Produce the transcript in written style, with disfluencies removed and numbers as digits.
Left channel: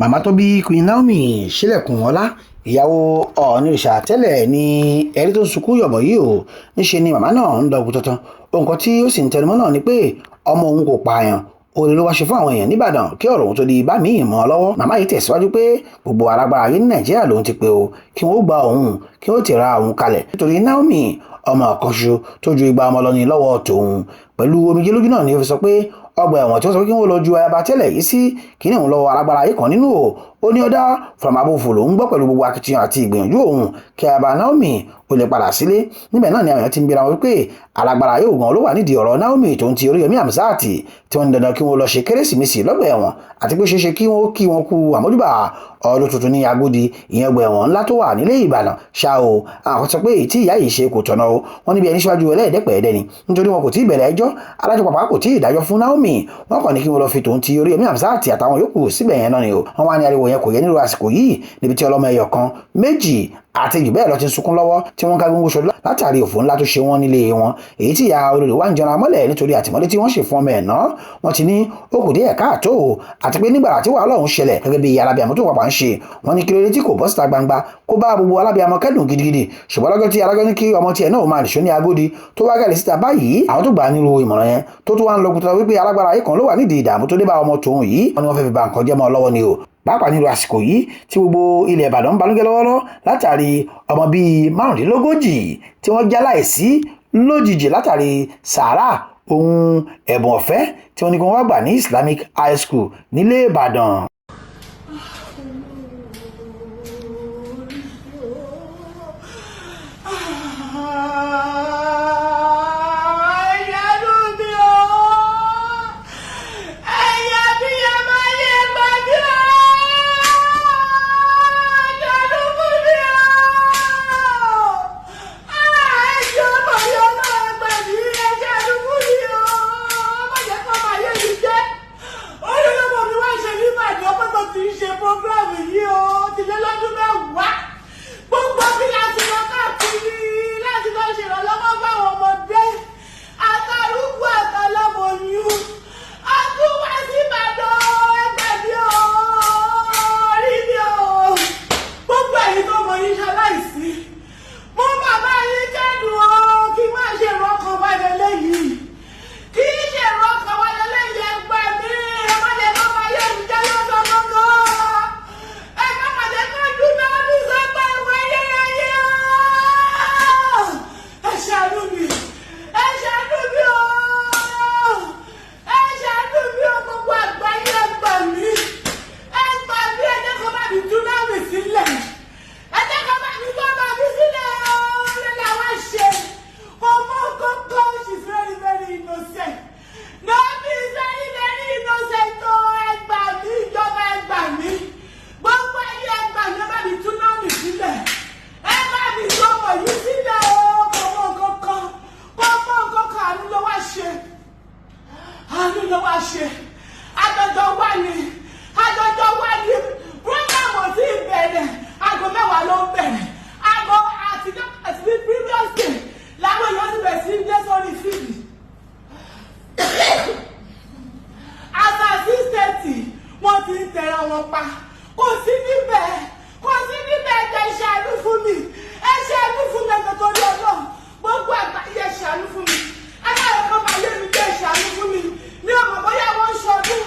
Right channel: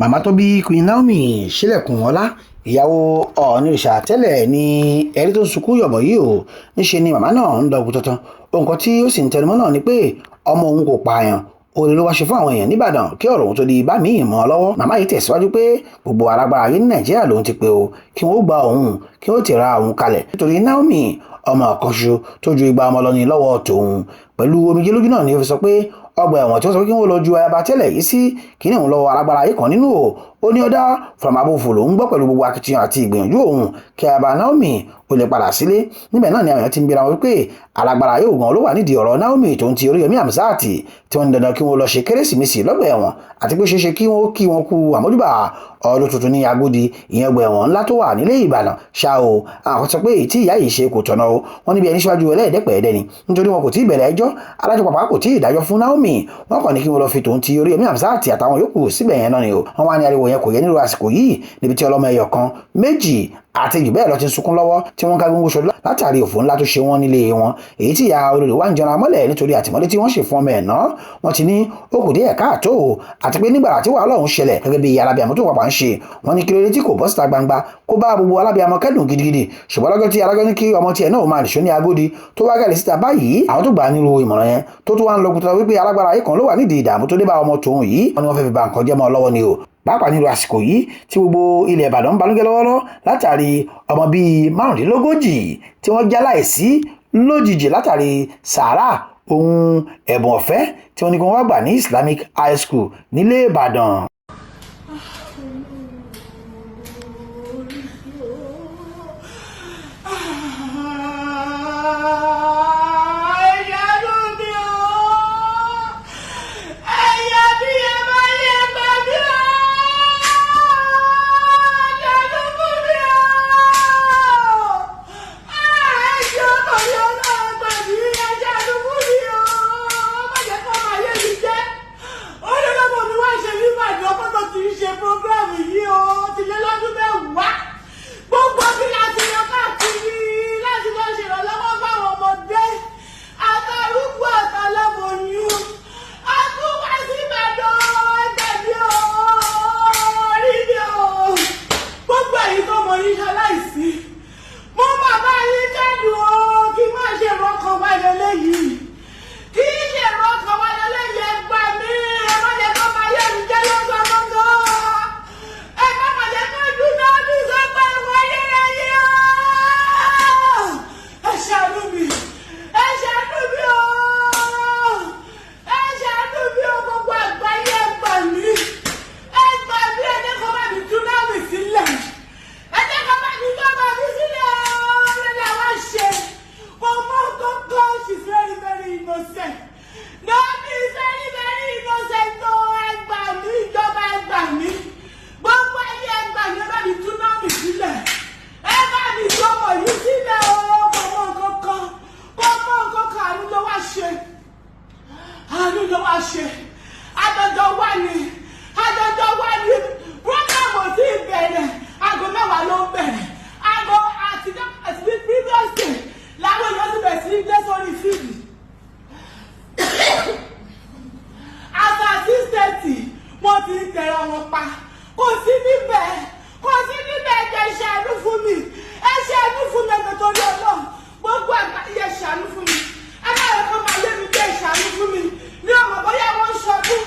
Màmá tó bí Queen Naomi sílẹ̀kùn ọlá ìyàwó ọ̀nìrìṣà tẹ́lẹ̀ ní ẹ̀rí tó sunkún yọ̀bọ̀ yìí o níṣe ni màmá náà ń dọ̀gbù tuntun nǹkan tí ó sì ń tẹnumọ́ náà ni pé ọmọ òun kò pààyàn oore ló wá ṣe fún àwọn èèyàn nìbàdàn kí ọ̀rọ̀ òun tó di bá míì mọ́ ọ lọ́wọ́. Màmá yìí tẹ̀síwájú pé gbogbo alágbára ayé ní Nàìjíríà lòun ti pé o kí wọ́n gba òun kí wọ́n ti ra òun kalẹ̀ nítorí Naomi ọmọ kan ṣoṣo tó ju igba ọmọ lọ ní lọ́wọ́ tòun. Pẹ̀lú omijé lójú náà ni ó fi sọ pé ọgbà ẹ̀wọ̀n tí wọ́n sọ pé kí wọ́n lọ ju ayaba tẹ́lẹ̀ yìí sí kíní òun lọ́wọ́ alágbára ayé kan nínú o ó ní ọ̀dà fọlọ́màbòfò lòún gbọ́ pẹ̀lú gbogbo akitiyan àti ìgbìyànjú òun kí ayaba Naomi ó lè padà sílé. Níbẹ̀ náà ni àwọn èèyàn ti ń bèèrè wọn wípé alágbára ayé ògùn ló wà nídìí ọ̀rọ̀ Naomi tó ń ti Oríyọmí Hamzat tí wọ́n ní dandan kí wọ́n lọ ṣe kérésìmesì lọ́gbà ẹ̀wọ̀n àti pé ṣeéṣe kí wọ́n kú àmójúbà ọdún tuntun ní Agodi ìyẹn ọgbà ẹ̀wọ̀n ńlá tó wà nílé Ìbàdàn ṣá o. àwọn sọ pé tí ìyá yìí ṣe kò tọ̀nà o wọ́n níbi ẹni síwájú ẹlẹ́ẹ̀dẹ́pẹ̀ẹ́dẹ́ ni nítorí wọn kò tí ì bẹ̀rẹ̀ ẹjọ́ adájọ́ pàpà kò tí ì dájọ́ fún Naomi wọ́n kàn ní kí wọ́n lọ fi tòun ti Oríyọmí Hamzat àtàwọn yòókù síbẹ̀ yẹn náà ni o. wọ́n wá ní ariwo yẹn kò yẹ nílùú àsìkò yìí níbi tí ọlọ́mọ ẹyọ kan méjì àti jù bẹ́ẹ̀ lọ ti sunkún lọ́wọ́ tí wọ́n ká gbóngbó ṣọdún látàrí òfò ńlá tó ṣe wọ́n nílé wọn èyí tí ìyá olórí wa ń jọra mọ́lẹ̀ nítorí àtìmọ́lé tí wọ́n ṣe fún ọmọ ẹ̀ náà wọ́n ti ní ó kù díẹ̀ káàtó àti pé nígbà tí wàhálà ọ̀hún ṣẹlẹ̀ gẹ́gẹ́ bí alábìàmọ́ tó pàpà ń ṣe wọ́n ní kí lóde tí kò bọ́ síta gbangba kó bá gbogbo alábìàmọ́ kẹ́dùn gidigidi ṣùgbọ́n lọ́jọ́ tí alájọ́ ní kí ọmọ tiẹ̀ náà máa nìṣó ní Agodi tó wá gẹ̀lẹ́ síta báyìí àwọn tó gbà á nílùú ìmọ̀ràn yẹn tó wá ń lọ kúta wípé alágbára ayé kan ló wà nídìí ìdààmú tó dé bá ọmọ tòun yìí wọ́n ní wọ́n fẹ́ fi ba nǹkan jẹ́ mọ́ ọ lọ́wọ́ ni o pàápàá nílùú àsìkò yìí tí gbogbo ilẹ̀ Ìbàdàn ń banújẹ́ lọ́wọ́lọ́wọ́ látàrí ọmọ bíi 35 tí wọ́n jáláìsí lójijì látàrí sàárà ohun ẹ̀bùn ọ̀fẹ́ tí wọ́n ní kí wọ́n wá gbà ní Islamic High School nílé Ìbàdàn. Àjọjọ wà ní program tí ìbẹ̀rẹ̀ aago 10 ló ń bẹ̀rẹ̀ aago àti previous day làwọn èèyàn ti bẹ̀rẹ̀ sí dé sórí fíìdì àtà 6:30 wọ́n ti ń tẹ̀ra wọn pa kò sí níbẹ̀ ẹ̀jẹ̀ ìṣàánú fún mi ẹ̀jẹ̀ torí Ọlọ́run gbogbo àgbáyé ṣàánú fún mi ẹ̀ka ẹ̀kọ́ máa lé mi jẹ́ ìṣàánú fún mi ní ọmọ bóyá wọ́n ń ṣọdún